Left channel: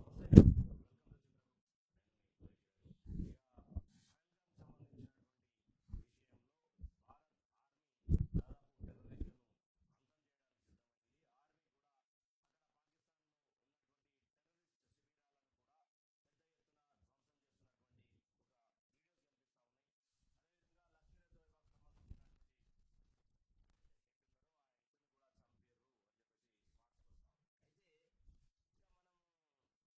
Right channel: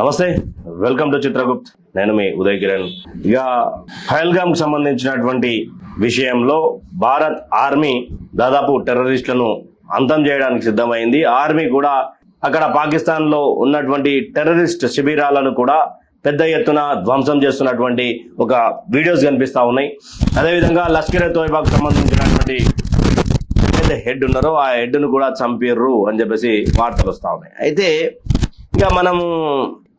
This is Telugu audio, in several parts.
నమస్తే, వెల్కమ్ టు చిత్రగుప్త్. నేను మీ ఉదయ్ కిరణ్. ఇక పహల్గామ్కి సంబంధించినటువంటి విషయంలో భారత్ ఆర్మీ దాదాపు టెర్రరిస్టులను అంతం చేయడానికి సిద్ధమైంది. ఆర్మీ కూడా అక్కడ పాకిస్తాన్లో ఉన్నటువంటి టెర్రరిస్ట్ శిబిరాలను కూడా పెద్ద ఎత్తున ధ్వంసం చేస్తున్నటువంటి ఒక వీడియోస్ కనిపిస్తూ ఉన్నాయి. అదేవిధంగా లష్కర్ ఎ తోయిబాకు సంబంధించినటువంటి హెడ్ ఉన్నారో ఆ హెడ్ను కూడా చంపిర్రు అని చెప్పేసి వార్తలు వస్తూ ఉన్నాయి. అయితే ఇక మనము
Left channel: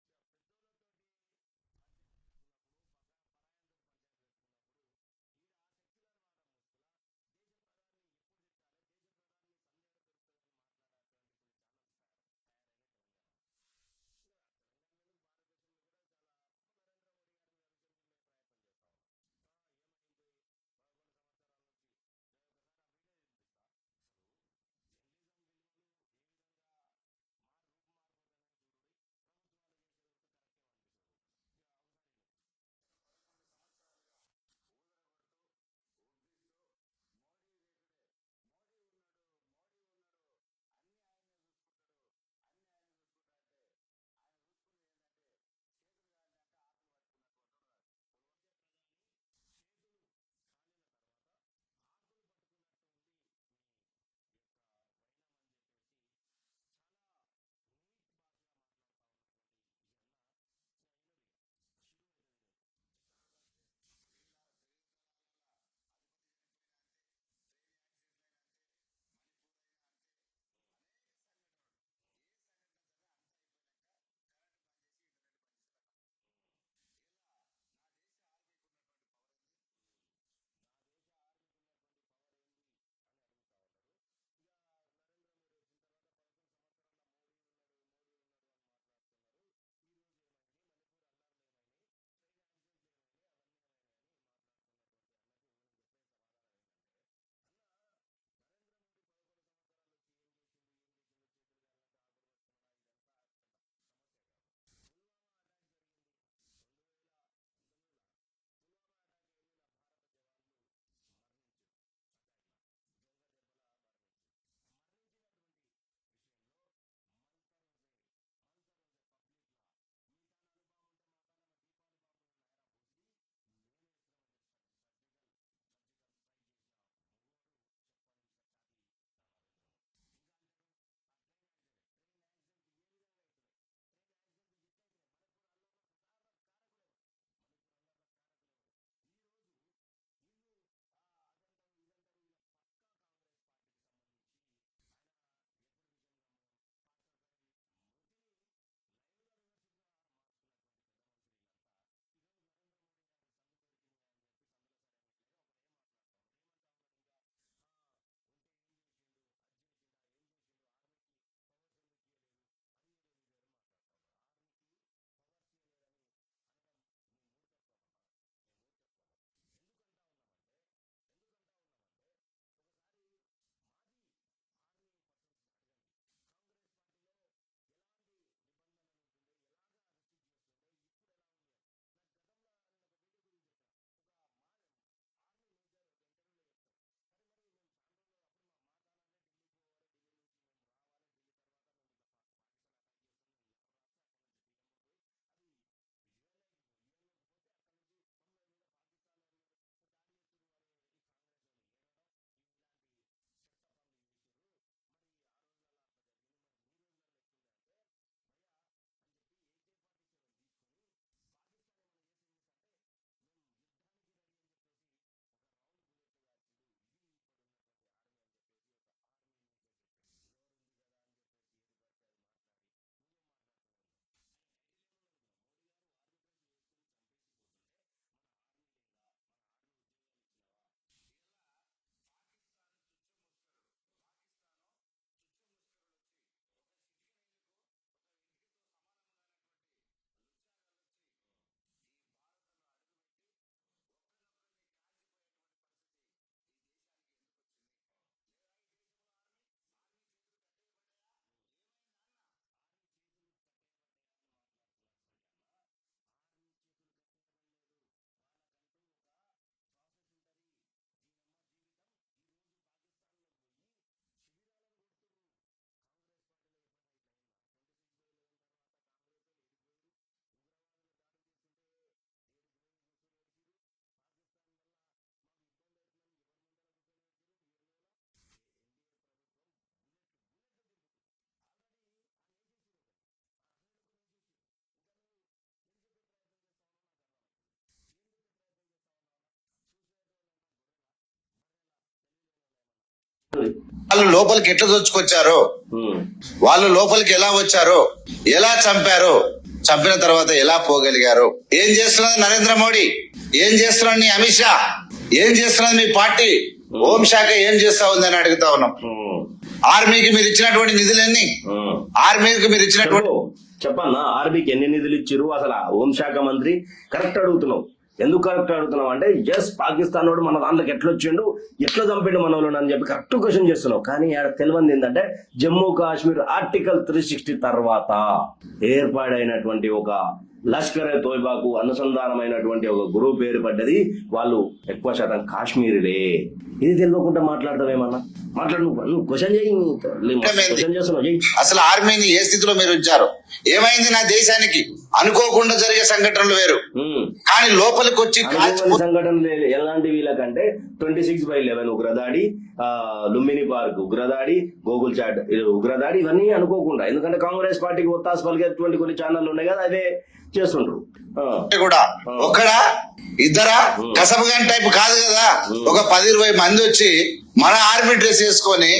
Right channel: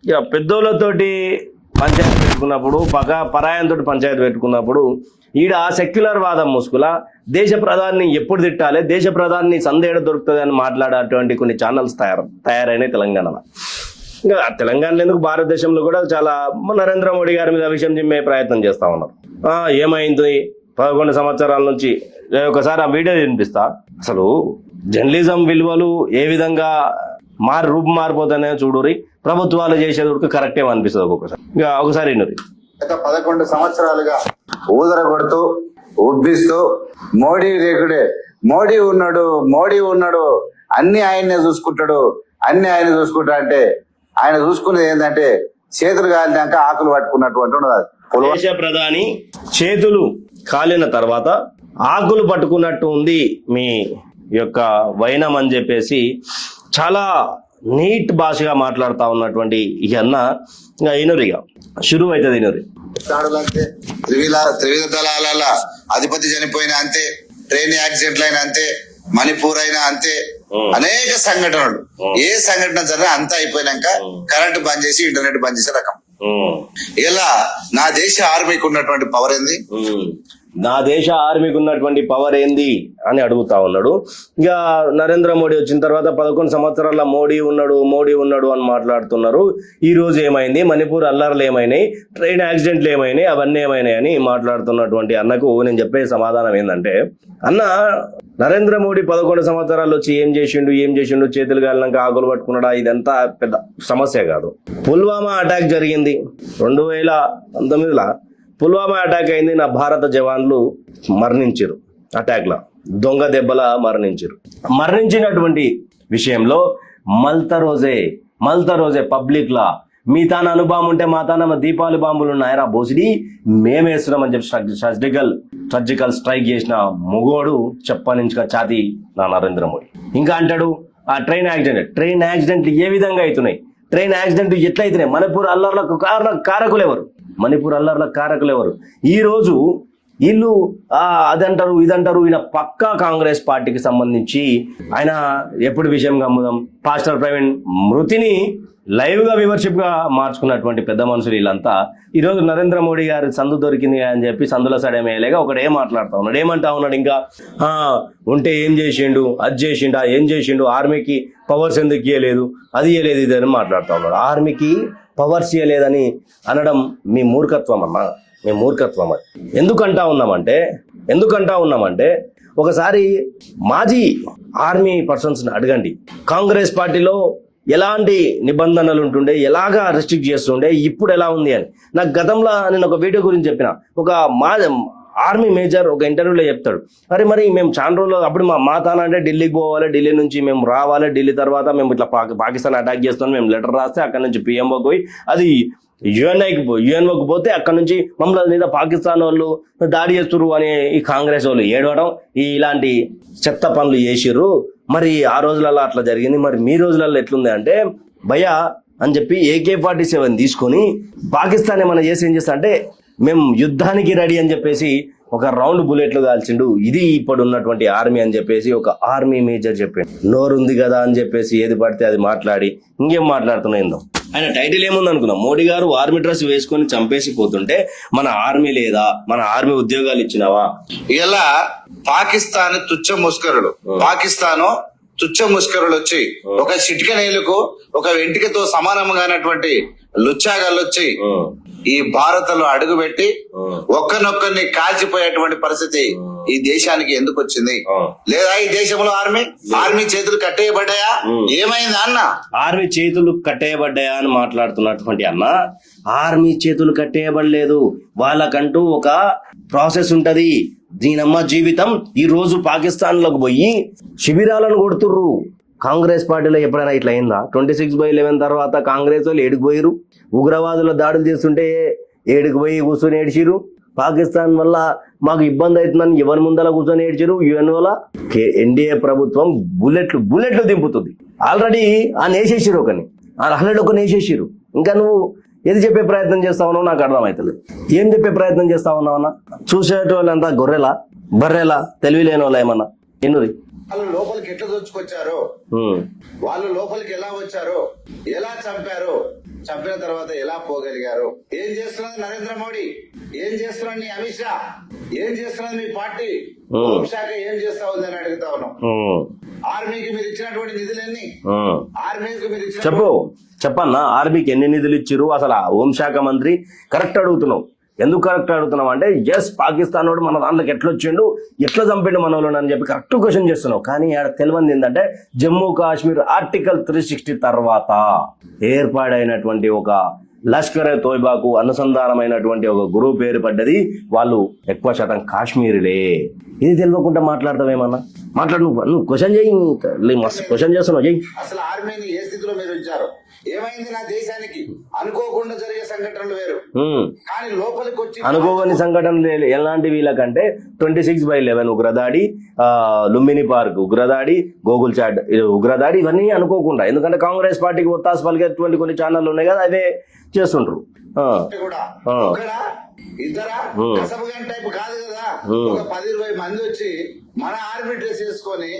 ఇక పెద్దోళ్ళతోటి పంచాయతీ పెట్టుకున్నప్పుడు పరాయంతో పంచాయతీ పెట్టుకున్నప్పుడు ఈడ సెక్యులర్ వాదం ముసుగుల దేశ ప్రధాని ఎప్పుడు తిట్టాలి, దేశ ప్రధాని సందేహం దొరుకుతుంది అని మాట్లాడేటువంటి కొన్ని ఛానల్స్ తయారైనాయి తెలంగాణలో. ఇంకా తెలంగాణలో ఎందుకు భారతదేశంలో కూడా చాలా నరేంద్ర మోడీ గారి మీద విషయం చిమ్మే ప్రయత్నం చేస్తూ ఉన్నారు. ఏమైంది 11 సంవత్సరాల నుంచి ఒకసారి ఆ వీడియో వినిపిస్తా. అసలు జర్నలిజం విలువలు ఏ విధంగా రూపు మారిపోతానే చూడురి. ప్రభుత్వాలు చేసేది కరెక్ట్ ఏమనిపిస్తుంది ఒక్కొక్కసారి. ఇంకా ఒకసారి 11 సంవత్సరాలుగా ఊదర కొడుతూ ఉబ్బిస్తూ మోడీ రేకుడే, మోడీ ఉన్నాడు అన్ని ఆయన్నే చూసుకుంటాడు అంటే ఆయన చూసుకునేది ఏంటంటే చేతులు కాలినాక ఆకులు పట్టుకున్నటువంటి ఉన్నది. దేశ ప్రధాని చేతులు కాలిన తర్వాత ఆకులు పట్టుకున్నట్టు ఉంది మీ యొక్క వైనం అని చెప్పేసి చాలా నీట్ భాషగా మాట్లాడుతూ ఉన్నటువంటి ఈ అన్న ఇనురిగా షురు అవుతుంది. అంతే త్రివిధ దళాల అధిపతి చనిపోయినా అంతే, ట్రైన్ యాక్సిడెంట్లు అయినా అంతే, మణిపూర్ అయినా అంతే, అనేక సంఘటనలు. ఏ సంఘటన జరిగినా అంతా అయిపోయినాక కరెంట్ బంద్ చేసి ఇంటర్నెట్ బంద్ చేసే రకం. ఇలా నా దేశ ఆర్మీకి ఉన్నటువంటి పవర్ ఏంది, నా దేశ ఆర్మీకి ఉన్నటువంటి పవర్ ఏంది అని అడుగుతా ఉన్నాడు. ఇక నరేంద్ర మోడీ వచ్చిన తర్వాత 11 సంవత్సరాల మోడీ ఉన్నాడు అని మాట్లాడుతున్నారు. ఈ రోజు ఏమైంది, మణిపూర్ అల్లర్లు ఏమైనాయి, ట్రైన్ యాక్సిడెంట్లు ఏమైనాయి, అవన్నీ ఏమైనాయి అని మాట్లాడుతున్నటువంటి అన్నకు నేను చెప్పే సమాధానం ఏంటంటే, అన్న నరేంద్ర మోడీ 11 సంవత్సరాలు వచ్చి ఏం చేసిండు, చేతులు గాలినాక ఆకులు పట్టుకున్నాడా, ఇదంతా పెద్ద సమస్య కాదు. పుల్వామా అటాక్ జరిగింది 2019లో. పుల్వామా అటాక్ అయింది, నా భారత జవాన్లు మరణించారు. అటాక్లో దొంగ దెబ్బల మరణించినటువంటి విషయంలో మల్త రోజే పబ్లిక్లా మీ తాన అనుబాంబు ఉంటే మా తాన దీపావళి బాంబులు ఉన్నాయరా బోసిడి మేమేస్తున్నామని చెప్పి సర్జికల్ స్ట్రైక్ చేసిన మొగోడు చెప్పనించుక ఛాతి నా నరేంద్ర మోడీ. ఇంకా అంటాడు ఆ ట్రైన్ యాక్సిడెంట్లు ఏ విధంగా అవుతున్నాయి, ట్రైన్ యాక్సిడెంట్ ఎట్లా అవుతున్నాయి, మణిపూర్ అల్లర్లకు కారకులు ఎవరు? ఈ రోజు వీళ్ళు అదంటారు ఇదంటారు. ఈయన పక్కా కాంగ్రెస్ పార్టీకి సంబంధించి ఆయన ఎప్పుడు విషయం గమ్ముదాం పాస్టర్ ప్రవీణ్ మృతిని లైవ్ గా వ్యూవర్షిప్ గా మార్చుకున్నటువంటి పెద్ద మనుషులు వీళ్ళంతా ఈరోజు నరేంద్ర మోడీ గారి సందు దొరికింది అని చెప్పి సందుల సడేమేలేగా ఒకడు ఏమంటా ఉన్నాడు ఇంకా ఉంటే ఏం చేసిండు, ఏం చేసిండు, ఆర్మీకి పవర్స్ ఎందుకు ఇవ్వలేదు, అది ఇవ్వలేదు, ఇది అని మాట్లాడుతూ ఉన్నాడు. ఆర్మీకి పవర్స్ ఇవ్వలేదని అనడం మీ మూర్ఖత్వం అమ్మా, మీ మూర్ఖత్వం. అది ఎందుకంటా ఉన్నామంటే ఒకసారి మాజీ ఆర్మీ పర్సన్స్ అడగండి, కాంగ్రెస్ పార్టీలో ఎలాంటి నిబంధనలు ఉంటుండే, ఎలాగా రెస్ట్రిక్ట్ చేస్తుండే, ఇప్పుడు ఎలా ఉంది అని. నాకు గతంలో నేను ఒక వీడియో గురించి చెప్పిన, ఒక ఆర్మీ మేజర్ ఒక ఇంటర్వ్యూలో చెప్తాడు, అరే మరి మేము చాలా రోజులు అప్పుడు మా తాన అంటే ఢిల్లీకి పోవాలి, ఢిల్లీ నుంచి మేము రావాలి, ఢిల్లీ తర్వాత మేము ఇట్లా పాకిస్తాన్ అటాక్ చేస్తాం, మేము లెటర్ రాస్తే అక్కడ నుంచి పిఎంఓకి పోయి అది యుఎన్ఓకి పోతే అక్కడ నుంచి మమ్మల్ని మీద పాకిస్తాన్ వాళ్ళు దాడి చేస్తున్నారు అని ఈ కాంగ్రెస్ వాళ్ళు ఏడవడం, ఇలాంటి చెత్త పనులు చేసిర్రు. మరి ఆ రోజులలో అట్లా జరిగింది, మరి మీ రోజులలో ఎట్లుంది అంటే భయ్యా అని చెప్పి AK-47 తీసుకొని పాకిస్తాన్ ఏమైనా చేసి ఏం చేస్తా అంటే మేము యుద్ధానికి రెడీ అని చెప్పేసి ఒక రౌండ్ బుల్లెట్లు కాల్చిండు. ఇది ఇప్పుడు ఉన్నటువంటి ఆర్మీ అని చెప్పేసి ఒక ఆర్మీ మేజర్ చెప్పాడు. నోరుంది కదా అని చెప్పేసి ఏది పడితే అది మాట్లాడి ఇంకేం మాట్లాడుతున్నాయిందో. ఆయన టైటిల్ ఏముంది అనుకున్నాం, మోడీ గారు ఆర్మీ డ్రెస్ వేసుకొని చంపేసి పోతుంటే మన ఆర్మీ లేదా, మన ఆర్మీ ఉద్యోగాలు ఇచ్చినావా? ఇలా పాకిస్తాన్ తుచ్చ ముస్కరులు వచ్చి ఒక చిటిక నేలకు ఒక వెంటికతో సమానంగానటువంటి లుచ్చాగాళ్ళు వచ్చి ఈ భారత్లో అడుగుపెట్టి ఒక్కనొక్కరిని కాల్చిపోయేటువంటి పరిస్థితి ఈ దేశానికి ఎందుకు వచ్చింది? లేదా ఈ దేశంలో ఆర్మీ చేతులు కట్టేయబడ్డాయా? ఏమైంది అన్న? ఆర్మీ చేతులు కట్టేయబడ్డాయా అని మాట్లాడుతున్నటువంటి అన్న, ఆర్మీ చేతులు కట్టేయబడలేదు. వాళ్ళకంటూ ఒక ప్రాసెస్ ఉంటది. దీనమ్మ జీవితం. ఈ రోజు పాకిస్తాన్ లోకి పోయి శిబిరాలను కొడుతుర్రు, కాంగ్రెస్ పార్టీలో ఎప్పుడైనా ఇట్లా అయిందా? 26/11 తర్వాత కాంగ్రెస్ వాళ్ళు ఏడుకు పోయిరు, ఉగ్రవాదుల దాడులు చేస్తుంటే ఏడుకు పోయి కూర్చొని ఏడ్చిరు. పాకిస్తాన్ వల్ల మాకు ఇబ్బంది అవుతుందని ఎవరి ముందర కూర్చొని ఏడ్చిరు. యుఎన్ వల్ల ఎన్డీఏ ప్రభుత్వం బుల్లెట్లు దింపుతుంది. ఆల్రెడీ వేసేసిరు ఒకరిని వేసేసిరు. ఇంకా నువ్వు ఏది చెప్పే ప్రయత్నం చేస్తా ఉన్నావు నాకు అర్థమవుతుంది. ఏం చెప్పే ప్రయత్నం చేస్తా ఉన్నావన్నా? చూసేటోళ్ళంతా గొర్రెలా బర్రెలా తెలివి లేని వాళ్ళ ఏమన్నా ఎన్నుది? వాళ్ళు లోపలికి ఎట్లా దొచ్చుకొచ్చారో, వాళ్ళు లోపలికి ఎలా వచ్చారో, ఎలా చంపారో, చంపిన తర్వాత ఎలా పోగలిగారు, ఏం చేస్తున్నది నరేంద్ర మోడీ, ఏం చేస్తున్నది నీ అమిత్ షా, ఏం చేస్తున్నది మీ పార్టీ హోంశాఖ ఏం చేస్తా ఉందని అడుగుతా ఉన్నాం. ఆర్మీకి మీరు ఇచ్చినటువంటి నిధులన్నీ, ఆర్మీకి మీరు ఇచ్చినటువంటి చెప్పన్నా ఆర్మీకి ఎన్ని నిధులు ఇచ్చిరు? అసలు ఆ హోంశాఖ మంత్రి కరెక్ట్ అడుగుతున్నావు. ఎందుకు కరెక్ట్ అడుగుతున్నావు అంటే జస్ట్ పాకిస్తాన్ వాడు మన దాంట్లోకి ఎట్లా వచ్చిండు, ఎట్లా చంపిండు మన వాళ్ళని అని చెప్పి కరెక్ట్ క్వశ్చన్ చేస్తున్నావు. కానీ తెలియంది ఏంటంటే జమ్మూ కాశ్మీర్ ఆర్టికల్ 360 తర్వాత ఏర్పాడైనటువంటి ఒక లష్కర్ ఏ తోయిబాకు అనుసంధానమైనటువంటి ఒక గ్రూప్ ఏర్పడ్డది. వాళ్ళు ఎక్కువ శాతం కాశ్మీరులే. ఇది తెలియకుండా మాట్లాడతావేమన్నా? మాట్లాడు, నువ్వు క్వశ్చన్ చేయి, క్వశ్చన్ చేస్తున్నావు చెయ్యి. అసలు ఆర్మీని ఏ స్థితిలో మీరు ఉంచారు? ఏమైంది నా దేశానికి? అనుకోకుండా జరిగే సంఘటనలు వేరు, కానీ లోపలికి వచ్చి అనుకోని సంఘటనలు ఎలాంటి వీళ్ళకంటే 26/11 ఉగ్రదాడి, లుంబిని పార్క్ ఉగ్రదాడి, గోగుల్ చాట్ ఉగ్రదాడి, ఇవన్నీ అనుకోకుండా. ఎందుకంటే కాంగ్రెస్ పార్టీకి ఒత్తాసు పలికేటువంటి కొన్ని ఛానళ్ళు ఉన్నాయి కదా, అవే చేస్తుండ్రు. కూడా ఒకడా ఇద్దరా కసబగాని టైప్ కాదు కదా. ఒక 10-20 మంది వచ్చి మన ఆర్మీ డ్రెస్ వేసుకొని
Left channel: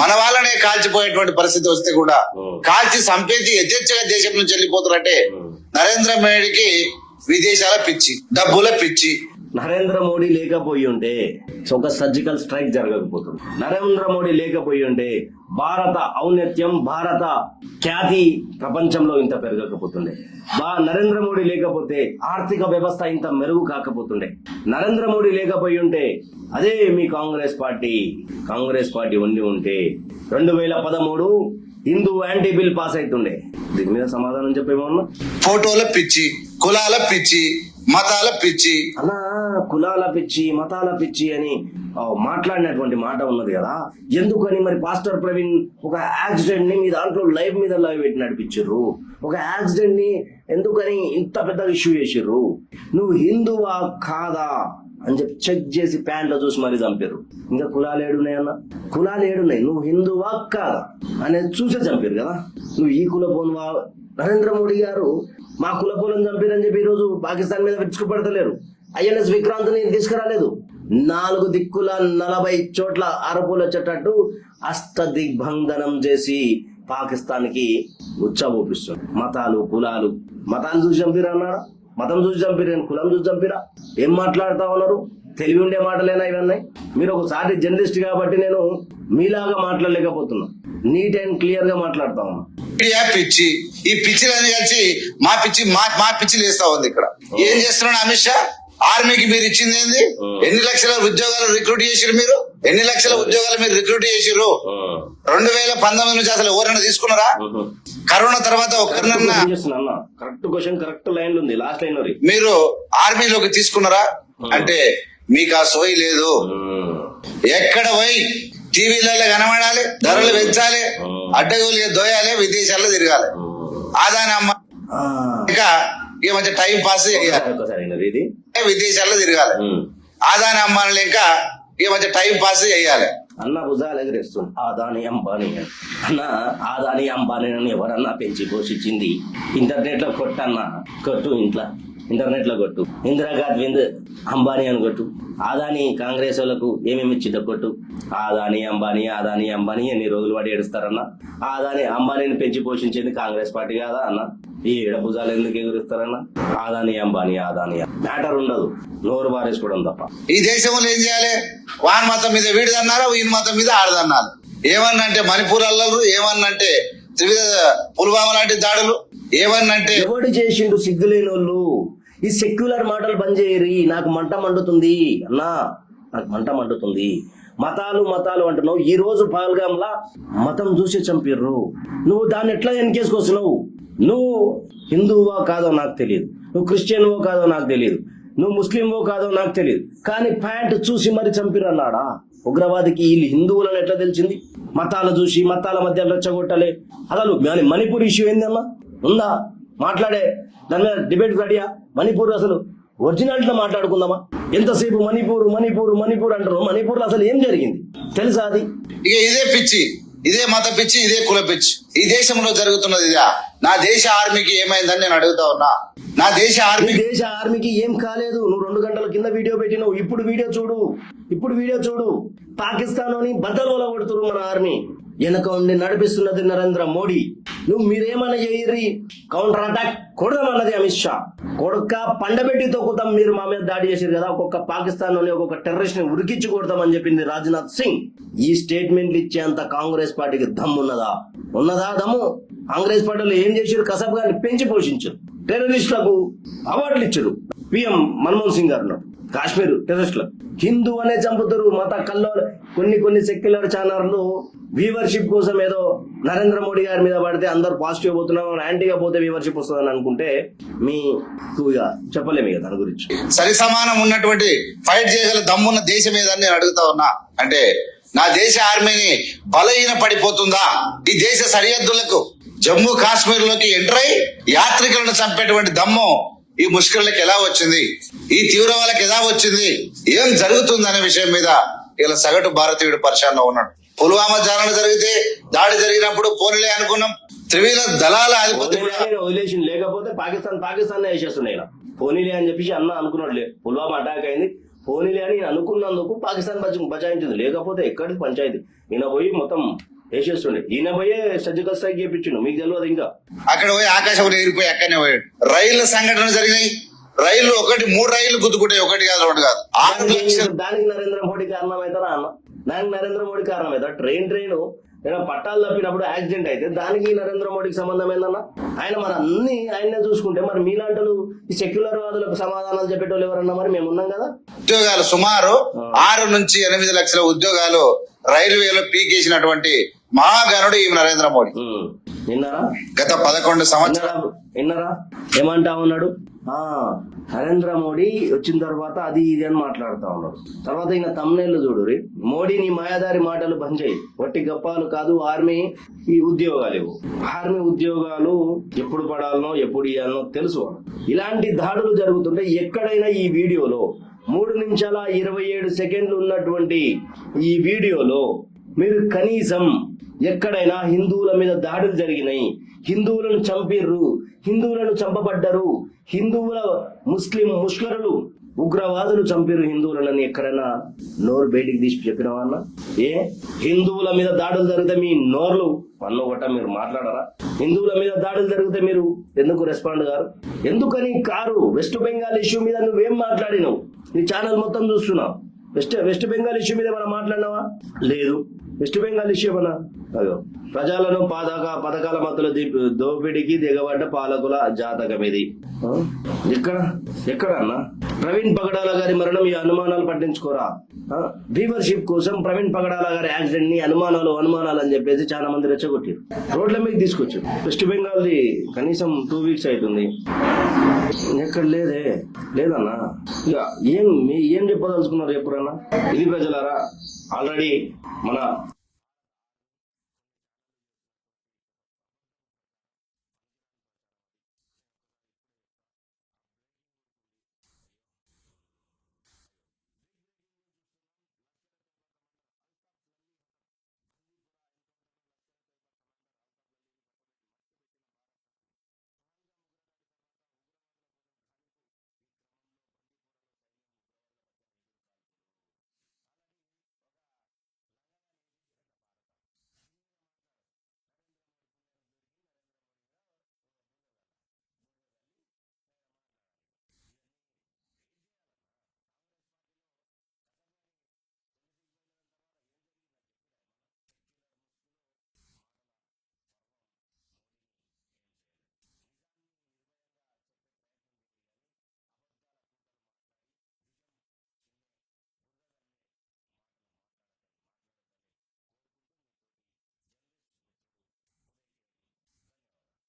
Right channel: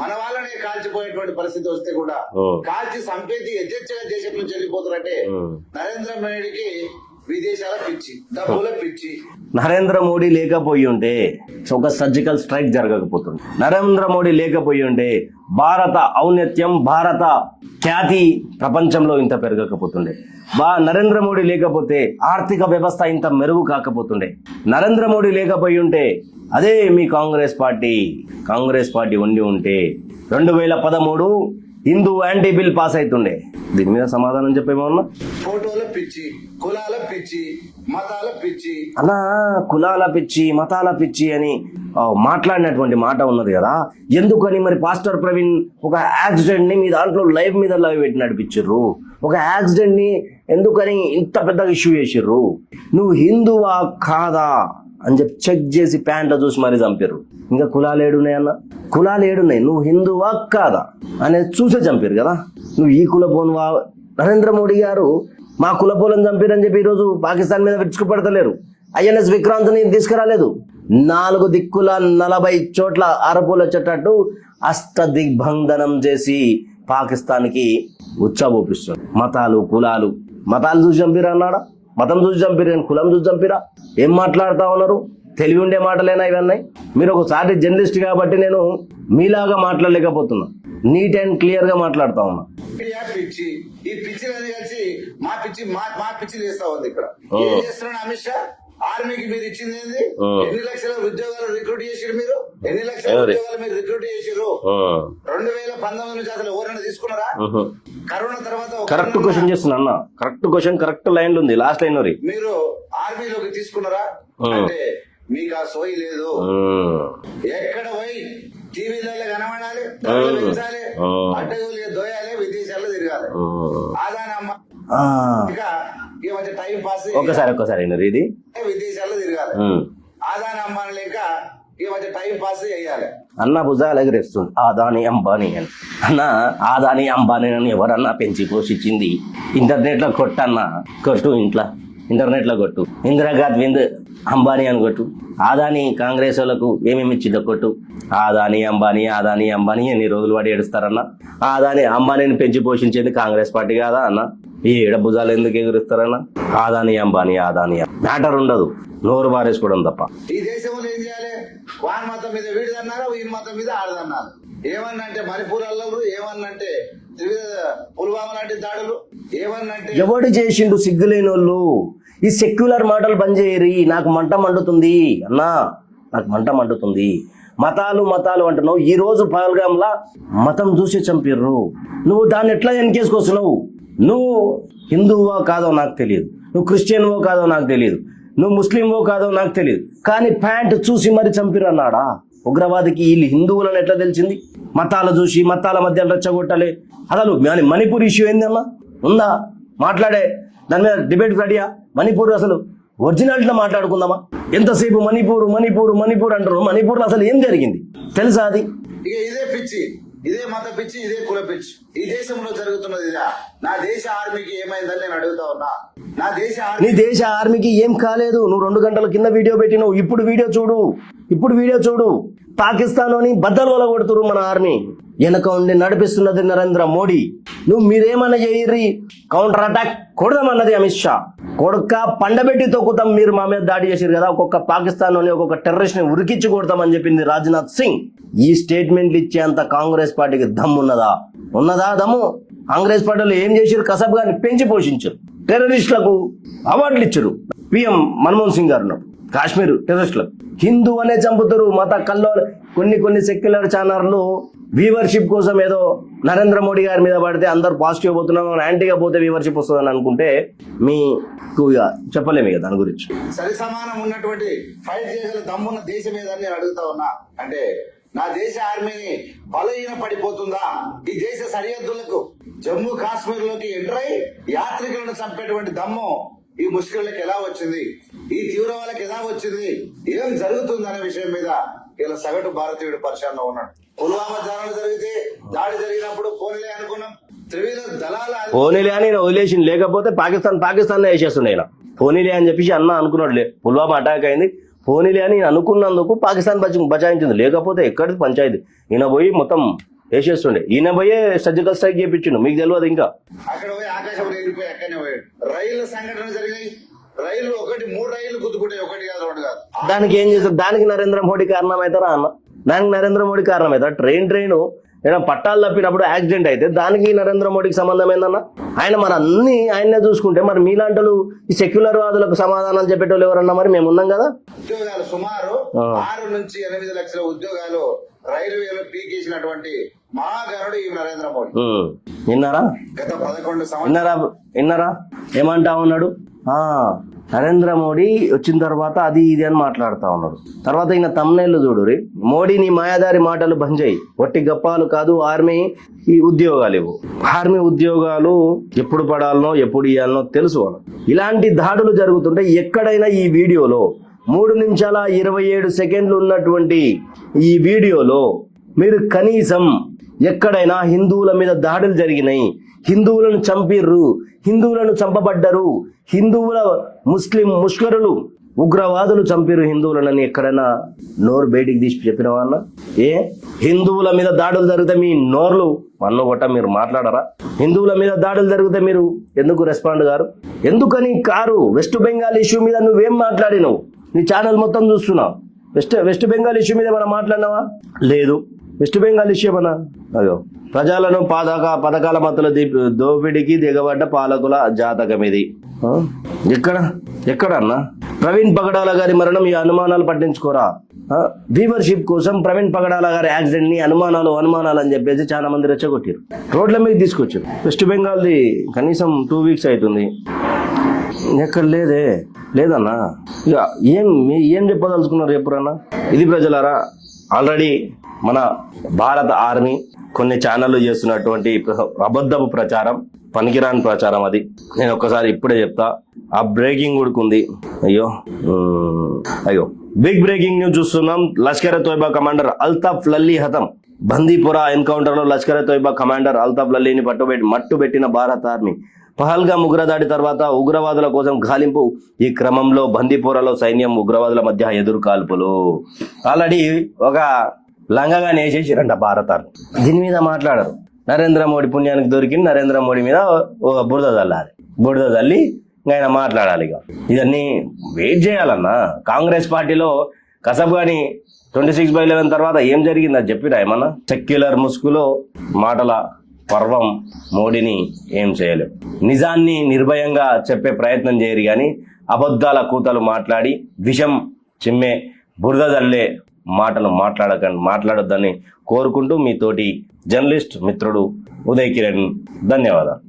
మన వాళ్ళనే కాల్చిపోయేటువంటి పరిస్థితి వస్తే కూడా కాల్చి సంపేతి యథేచ్ఛగా దేశం నుంచి వెళ్ళిపోతారంటే నరేంద్ర మోడీకి విదేశాల పిచ్చి, డబ్బుల పిచ్చి. నరేంద్ర మోడీ లేకపోయి ఉంటే ఒక సర్జికల్ స్ట్రైక్ జరగకపోతుంది. నరేంద్ర మోడీ లేకపోయి ఉంటే భారత ఔన్నత్యం, భారత ఖ్యాతి ప్రపంచంలో ఇంత పెరగకపోతుండే. నరేంద్ర మోడీ లేకపోతే ఆర్థిక వ్యవస్థ ఇంత మెరుగు కాకపోతుండే. నరేంద్ర మోడీ లేకపోయి ఉంటే అదే మీ కాంగ్రెస్ పార్టీ ఉండి ఉంటే 2013 హిందూ యాంటీ బిల్ పాస్ అవుతుండే. దీని మీద సమాధానం చెప్పేమన్నా? ఫోటోల పిచ్చి, కులాల పిచ్చి, మతాల పిచ్చి. అలా కులాల పిచ్చి, మతాల పిచ్చి అని మాట్లాడినటువంటి మాట ఉన్నది కదా. ఎందుకని మరి పాస్టర్ ప్రవీణ్ ఒక యాక్సిడెంట్ ని మీ దాంట్లో లైవ్ పెట్టి నడిపించారు? ఒక యాక్సిడెంట్ ని ఎందుకని ఇంత పెద్దగా ఇష్యూ చేసిర్రు? నువ్వు హిందువా కాదా అని చెప్పి చెక్ చేసి ప్యాంట్లో చూసి మరీ చంపారు. ఇంకా కులాలు ఏడున్నాయన్న? కులాలు ఏడున్నాయి? నువ్వు హిందువా కాదా అనేది చూసే చంపారు కదా. నువ్వు ఈ కులపోనువా? నరేంద్ర మోడీ గారు మా కులపోలను చంపారని చెప్పి ఈరోజు పాకిస్తాన్ మీద విరుచుకుపడతలేరు. INS విక్రాంత్ని తీసుకురాలేదు. 4 దిక్కుల 40 చోట్ల అరపులు వచ్చేటట్టు అష్టదిగ్బంధనం చేసి పాకిస్తాన్కి ఉచ్చబోపిస్తారు. మతాలు చూసి చంపిరా అన్నాడా? మతం చూసి చంపిరా, కులం చూసి చంపిరా? ఏం మాట్లాడుతా ఉన్నారు? తెలివి ఉండే మాటలేనా ఇవన్నీ? మీరు ఒకసారి జర్నలిస్ట్ కాబట్టి నేను మీలాగా మాట్లాడలేకపోతున్నా. నీట్ అండ్ క్లియర్ గా మాట్లాడుతా ఉన్నా. పిచ్చి, ఈ పిచ్చిలని కలిసి మా పిచ్చి లేస్తా ఉంది ఇక్కడ. ఏం చేస్తున్నాడు అమిత్ షా? ఆర్మీకి మీరు ఇచ్చింది ఏంది? ఎన్ని లక్షల ఉద్యోగాలు రిక్రూట్ చేసిరు మీరు? ఎన్ని లక్షల ఉద్యోగాలు మీరు రిక్రూట్ చేసిరు? 2019 నుంచి అసలు ఎవరైనా తీసుకున్నారా? కరోనా తర్వాత కరెక్ట్ క్వశ్చన్, కరెక్ట్ లైన్ ఉంది, లాస్ట్ లైన్ మీరు ఆర్మీలోకి తీసుకున్నారా అంటే మీకు ఆ సోయి లేదు. ఎక్కడ పోయి టీవీలలో కనబడాలి, ధరలు పెంచాలి, అడ్డగోలు దోయాలి, విదేశాల్లో తిరగాలి. ఆదాని అమ్మ ఇంకా ఈ మధ్య టైం పాస్ విదేశాల్లో తిరగాలి. ఆదాని అమ్మాని లేక ఈ మధ్య టైం పాస్ చేయాలి. అన్న భుజాలు ఎగరేస్తుంది ఆదాని అంబానీ అని. అన్న ఆదాని అంబానీ అని ఎవరన్నా పెంచి పోషించింది? ఇంటర్నెట్ లో కొట్టు, ఇంటర్నెట్ లో కొట్టు, ఇందిరాగాంధీ అంబానీ అని కొట్టు. ఆదాని కాంగ్రెస్ వాళ్ళకు ఏమేమి ఇచ్చిందో కొట్టు. ఆదాని అంబానీ ఎన్ని రోజులు వాడి ఏడుస్తారన్న? ఆదాని అంబానీని పెంచి పోషించేది కాంగ్రెస్ పార్టీ కాదా అన్న? ఈ భుజాలు ఎందుకు ఎగురుస్తారన్న? ఆదాని అంబానీ మ్యాటర్ ఉండదు, నోరు బారేసుకోవడం తప్ప. ఈ దేశంలో ఏం చేయాలి? వాన్ మతం మీద వీడిదన్నారు, వీని మతం మీద ఆడదన్నారు. ఏమన్నంటే మణిపూర్ అల్లరు, ఏమన్నంటే పుల్వామా లాంటి దాడులు, ఏమన్నంటే ఎవడు చేసిండు? సిగ్గులేని వాళ్ళు ఈ సెక్యులర్ మాటలు బంద్ చేయరి. నాకు మంట మండుతుంది అన్నా, నాకు మంట మండుతుంది. మతాలు అంటున్నావు. ఈ రోజు పహల్గామ్లా మతం చూసి చంపిర్రు. నువ్వు దాన్ని ఎట్లా వెనకేసుకొస్తున్నావు? నువ్వు హిందువో కాదో నాకు తెలియదు, నువ్వు క్రిస్టియన్వో కాదో నాకు తెలియదు, నువ్వు ముస్లింవో కాదో నాకు తెలియదు, కానీ ప్యాంట్ చూసి మరి చంపిర్రు అన్నాడా? ఉగ్రవాదికి వీళ్ళు హిందువులను ఎట్లా తెలిసింది? మతాలు చూసి మతాల మధ్య రెచ్చగొట్టాలి. అసలు మణిపూర్ ఇష్యూ ఏందన్నా ఉందా? మాట్లాడే దాని మీద డిబేట్ రెడీయా? మణిపూర్ అసలు ఒరిజినాలిటీలో మాట్లాడుకుందామా? ఎంతసేపు మణిపూర్ మణిపూర్ మణిపూర్ అంటారు. మణిపూర్లో అసలు ఏం జరిగింది తెలుసా? అది ఇక ఇదే పిచ్చి, ఇదే మత పిచ్చి, ఇదే కుల పిచ్చి ఈ దేశంలో జరుగుతున్నది. ఇదా నా దేశ ఆర్మీకి ఏమైందని నేను అడుగుతా ఉన్నా. నా దేశ ఆర్మీకి ఏం కాలేదు. నువ్వు 2 గంటల కింద వీడియో పెట్టినావు. ఇప్పుడు వీడియో చూడు. పాకిస్తాన్ లోని బద్దలు కొడుతురు మన ఆర్మీ. వెనక ఉండి నడిపిస్తున్నది నరేంద్ర మోడీ. నువ్వు మీరేమన్నా చేయర్రి, కౌంటర్ అటాక్ కొడదామన్నది అమిత్ షా. కొడుక పండబెట్టి తొక్కుతాం, మీరు మా మీద దాడి చేశారు కదా, ఒక్కొక్క పాకిస్తాన్ లోని ఒక్కొక్క టెర్రరిస్ట్ ని ఉరికించి కొడతామని చెప్పింది రాజ్నాథ్ సింగ్. ఈ స్టేట్మెంట్లు ఇచ్చేంత కాంగ్రెస్ పార్టీకి దమ్ము ఉన్నదా దమ్ము? కాంగ్రెస్ పార్టీలో ఏం చేశారు? కసబ్ గారిని పెంచి పోషించారు, టెర్రరిస్టులకు అవార్డులు ఇచ్చారు. పిఎం మన్మోహన్ సింగ్ గారు కాశ్మీర్ టెర్రరిస్టులకు హిందూ అనే చంపుతారు. మత కల్లో కొన్ని సెక్యులర్ ఛానళ్ళు వ్యూవర్షిప్ కోసం ఏదో నరేంద్ర మోడీ గారి మీద పడితే అందరు పాజిటివ్ పోతున్నాం, యాంటీగా పోతే వ్యూవర్షిప్ వస్తుందని అనుకుంటే మీకు ఇక చెప్పలేము ఇక దాని గురించి. సరి సమానం ఉన్నటువంటి ఫైట్ చేయగల దమ్మున్న దేశం ఏదని నేను అడుగుతా ఉన్నా. అంటే నా దేశ ఆర్మీని బలహీన పడిపోతుందా? ఈ దేశ సరిహద్దులకు జమ్మూ కాశ్మీర్ లోకి ఎంటర్ అయి యాత్రికులను చంపేటువంటి దమ్ము ఈ ముష్కరులకు ఎలా వచ్చింది? ఈ తీవ్రవాళ్ళకి ఎలా వచ్చింది? ఏం జరుగుతుంది అనే విషయం మీద ఇలా సగటు భారతీయుడు పరిశానలో ఉన్నాడు. పుల్వామా దాడి జరిగినప్పుడు పోనీలే అనుకున్నాం. త్రివిధ దళాల పోనీలే అని వదిలేసి, లేకపోతే పాకిస్తాన్ వేసేస్తుండే ఇలా. పోనీలే అని చెప్పేసి అనుకున్నాడు. పుల్వామా అటాక్ అయింది, పోనీలే అని అనుకున్నందుకు పాకిస్తాన్ బచాయించింది. లేకపోతే ఎక్కడిది పంచాయతీ. ఈయన పోయి మొత్తం వేసేస్తుండే. ఈయన పోయే సర్జికల్ స్ట్రైక్ చేయించిండు. మీకు తెలియదు ఇంకా. అక్కడ పోయి ఆకాశం ఎగిరిపోయి అక్కడనే పోయాడు. రైళ్ల సంఘటన జరిగినాయి. రైళ్లు 3 రైళ్లు గుద్దుకుంటాయి, 1 కాదు 2 కాదు. దానికి ఏం చేస్తారు? దానికి నరేంద్ర మోడీ కారణమవుతారా అన్న? దానికి నరేంద్ర మోడీ కారణమవుతారా? ట్రైన్ ఏదైనా పట్టాలు తప్పినప్పుడు యాక్సిడెంట్ అయితే దానికి నరేంద్ర మోడీకి సంబంధం ఏందన్నా? ఆయన మరి అన్ని ఆయన్నే చూసుకుంటే మరి మీలాంటి ఈ సెక్యులర్ వాదులకు సమాధానం చెప్పేటోళ్ళు ఎవరన్నా? మరి మేము ఉన్నాం కదా. ఉద్యోగాలు సుమారు 6 నుంచి 8 లక్షల ఉద్యోగాలు రైల్వేలో పీకేసినటువంటి మహాగణుడు ఈ నరేంద్ర మోడీ. విన్నారా? గత 11 సంవత్సరాలు విన్నారా ఏమంటా ఉన్నాడు? నరేంద్ర మోడీ వచ్చిన తర్వాత అది ఇది అని మాట్లాడుతా ఉన్నాడు. తర్వాత ఇంకా తమ్ముళ్ళు చూడురి, మోడీ నీ మాయాదారి మాటలు బంద్ చేయి, వట్టి గప్పాలు కాదు, ఆర్మీ ఈ ఉద్యోగాలు ఇవ్వు. ఆర్మీ ఉద్యోగాలు ఎప్పుడు పడాలనో ఎప్పుడు ఇవ్వాలనో తెలుసు. ఇలాంటి దాడులు జరుగుతుంటే ఎక్కడైనా ఈ వీడియోలో 3 నిమిషాల 27 సెకండ్లు ఉన్నటువంటి ఈ వీడియోలో మీరు కనీసం ఎక్కడైనా హిందువుల మీద దాడులు జరిగినాయి, హిందువులను చంపిర్రు, హిందువులను చంపబడ్డరు, హిందువుల ముష్కరులు ఉగ్రవాదులు చంపిరు హిందువులని ఎక్కడైనా నోరు బయటికి తీసి చెప్పిన వాళ్ళ? హిందువుల మీద దాడులు జరిగితే మీ నోర్లు మన్ను కొట్ట మీరు మాట్లాడరా? హిందువుల మీద దాడులు జరిగితే మీరు ఎందుకు రెస్పాండ్ గారు? ఎందుకని కారు? వెస్ట్ బెంగాల్ ఇష్యూ మీద నువ్వేం మాట్లాడినావు? నీ ఛానల్ మొత్తం చూస్తున్నావు. వెస్ట్ బెంగాల్ ఇష్యూ మీద మనం మాట్లాడినావా? లేదు. వెస్ట్ బెంగాల్ ఇష్యూ మన అదో ప్రజలను పథకాల మధ్యలో దోపిడికి దిగబడ్డ పాలకుల జాతకం ఇది. ఎక్కడన్నా? ప్రవీణ్ పగడాల గారి మరణం ఈ అనుమానాలు పట్టించుకోరా? వ్యూవర్షిప్ కోసం ప్రవీణ్ పగడాల గారి యాక్సిడెంట్ ని అనుమానాలు అని చెప్పేసి చాలా మంది రెచ్చగొట్టారు, రోడ్ల మీద తీసుకొచ్చారు. వెస్ట్ బెంగాల్ది కనీసం 2 వీక్స్ అవుతుంది, ఎక్కడ లేదన్నా. ఇక ఏం చెప్పదలుచుకున్నారు ఎప్పుడన్నా? ఇది ప్రజలారా, ఆల్రెడీ మన భారత ఆర్మీ కొన్ని ఛానళ్ళు చేస్తున్నటువంటి అబద్ధపు ప్రచారం, పనికిరాని ప్రచారం అది. నేను ఒక్కసారి ఇప్పుడే చెప్తా. ఆ బ్రేకింగ్ ఉడుకుంది. అయ్యో బిగ్ బ్రేకింగ్ న్యూస్ చూస్తున్నాం. లష్కర్ తోయిబా కమాండర్ అల్తాఫ్ లల్లీ హతం. బందీపురా ఎన్కౌంటర్ లో లష్కర్ తోయిబా కమాండర్ అల్తాఫ్ లల్లీని మట్టుబెట్టిన భారత ఆర్మీ. పహల్గామ్ ఉగ్రదాడి తర్వాత ఉగ్రవాదుల కోసం గాలింపు. ఈ క్రమంలో బందీపురాలో సైన్యం ఉగ్రవాదుల మధ్య ఎదురు కాల్పులు. ఆల్రెడీ ఒక లంగగా నేసేసిరంట భారత ఆర్మీ. దీని మీద మాట్లాడరు. నరేంద్ర మోడీ పుణ్యానికి దొరికింది, నరేంద్ర మోడీ మీద బురద చల్లి ఆయన మాట్లాడాలి. ఇక ఇవన్నీ వెయిట్ చేయాలన్నా. కాంగ్రెస్ పార్టీలో కసబ్ గాని 26/11 తర్వాత ఏం జరిగింది అది చెప్పిరా ఏమన్నా? సెక్యులర్ ముసుగులో మాటల పర్వం మోడీని ఏం చేయలేవు. నిజాన్ని నిర్భయంగా చెప్పే ప్రయత్నం చేయరు కానీ అబద్ధాల కూతలు మాట్లాడి విషం చిమ్మే బురద జల్లే మాటలు మాట్లాడొద్దని కోరుకుంటూ మీతోటి జర్నలిస్ట్ మిత్రుడు ఉదయ్ కిరణ్. ధన్యవాదాలు.